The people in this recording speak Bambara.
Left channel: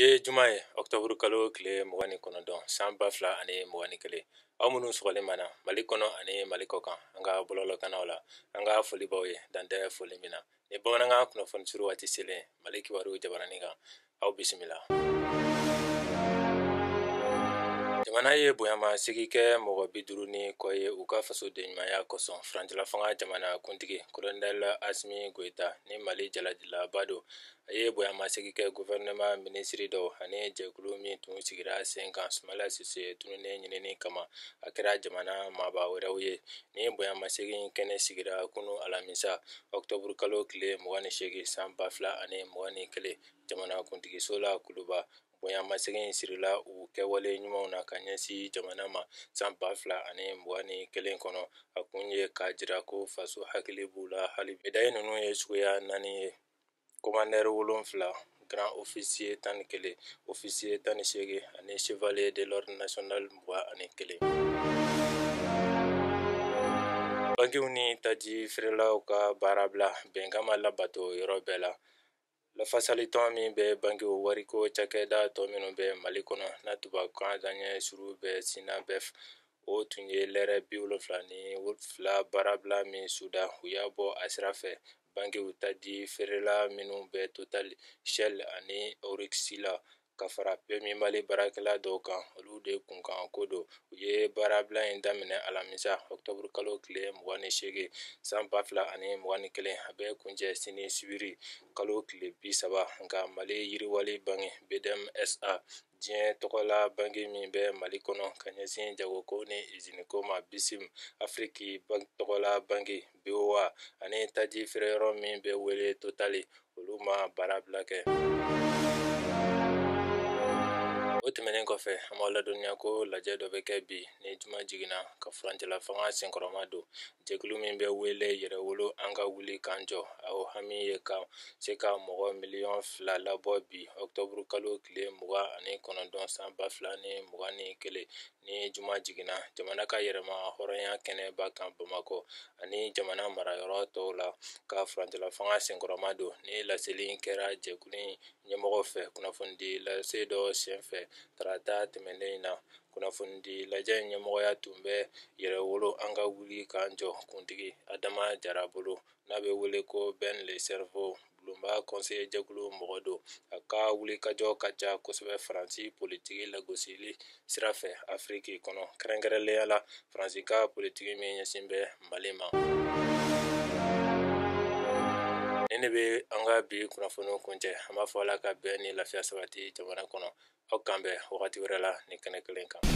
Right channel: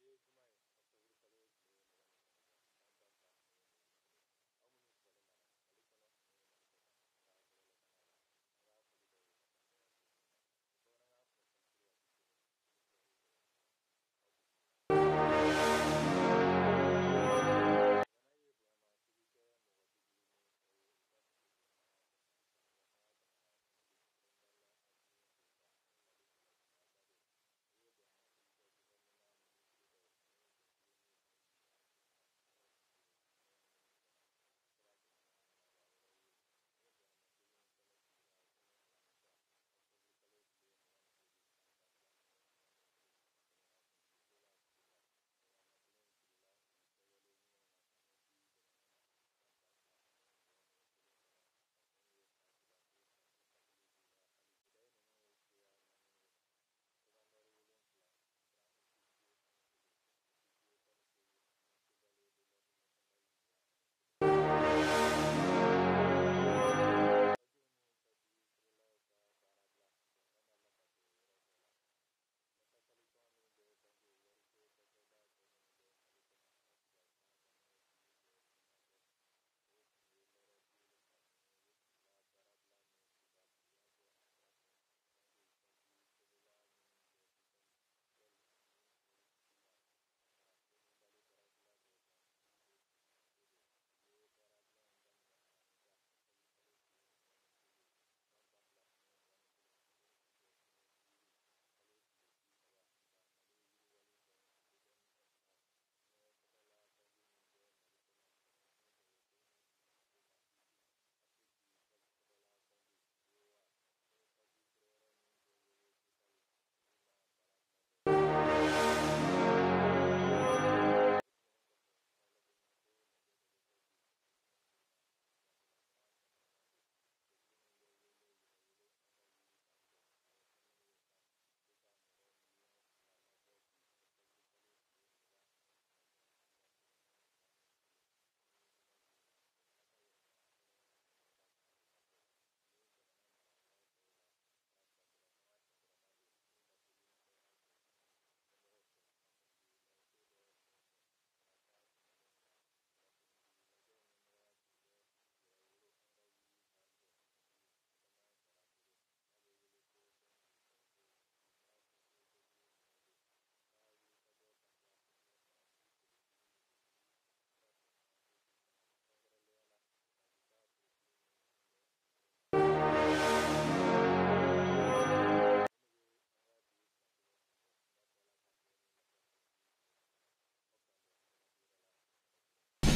Biye juma ye octobre kalo kile 29 san 2021 aw minnu sɔgɔlen mana Mali kɔnɔ ani Mali kɔkan an ka bɔlɔlɔkannaw la an ka foli baw ye dantɛ foli min na ni bamanankan kunnafoni suru waati selen Mali kibaru jabaranin kan aw bisimila. Jamana ye bonyama sigi kɛ mɔgɔ 50 ni kɔ ye u ka faso de ɲumanya kosɔn Faransila fanga jamana kuntigi Colonel Asimi Goita ni Mali jalajilaba do a ye bonyama sigi kɛ gouvernement ministre dɔw ani jɛkulu min tun sigira sen kan Sumala Sise tununnen ɲinini kama a kɛra jamana maaba wɛrɛw ye ni bonyama sigi kɛnɛ sigira kunu alamisa octobre kalo kile 28 san 2021 jamana kuntigiso la Kuluba bonyama segin sirila u kɛwale ɲumanw na ka ɲɛsin jamana ma san 2021 kɔnɔ a kun ye k'a jira ko faso hakili b'u la hali medaille ninnu ye suguya 4 ye commandeur 7 grand officier 11 officier 18 ani chevalier de l'ordre national 21. Bankiw ni taji feerelaw ka baarabila bɛnkan ma labato yɔrɔ bɛɛ la lafasali tɔn min bɛ bankiw wariko cakɛda tɔ minnu bɛ Mali kɔnɔ na tubabukan daɲɛ suru bɛ Sina Bɛf o tun ye lɛrɛ 72 baarabila min suda u y'a bɔ a sira fɛ bankiw taji feerela minnu bɛ Total Shell ani Oryx la ka fara PMI Mali baarakɛla dɔw kan olu de kunkan ko don u ye baarabila in daminɛ alamisa octobre kalo kile 28 san 2021 a bɛ kuncɛ sini sibiri kalo kile 30 nka Mali yiriwali banki BDM SA diɲɛ tɔgɔla banki min bɛ Mali kɔnɔ ka ɲɛsin jagoko ni usine ko ma BISIM Afrique tɔgɔla banki BOA ani taji feereyɔrɔ min bɛ wele Total olu ma baarabila kɛ. O tɛmɛnen kɔfɛ an b'aw ladɔnniya ko lajɛ dɔ bɛ kɛ bi ni juma jiginna ka furancɛla fanga senkɔrɔma don jɛkulu min bɛ wele yɛrɛwolo an ka wuli k'an jɔ aw hami ye ka se ka mɔgɔ 2,000,000 labɔ bi octobre kalo kile 29 san 2021 ni juma jiginna jamana ka yɛrɛma hɔrɔnya kɛnɛba kan Bamakɔ ani jamana marayɔrɔ tɔw la ka furancɛla fanga senkɔrɔma don ni laseli kɛra jɛkulu ɲɛmɔgɔ fɛ kunnafonidi lase dɔ senfɛ tarata tɛmɛnen in na kunnafonidi lajɛ ɲɛmɔgɔya tun bɛ yɛrɛwolo an ka wuli k'an jɔ kuntigi Adama Jara bolo n'a bɛ wele ko Ben le Cerveau bulonba conseiller jɛkulu mɔgɔ don a ka wulikajɔ ka ca kosɛbɛ Faransi politiki lagosili sira fɛ Afrique kɔnɔ kɛrɛnkɛrɛnnenya la Faransi ka politiki min ɲɛsin bɛ Mali ma. Nin de bɛ an ka bi kunnafoniw kuncɛ an b'a fɔ Ala ka bɛn ni lafiya sabati jamana kɔnɔ aw kan bɛn wagati wɛrɛ la ni kɛnɛ kelen kan.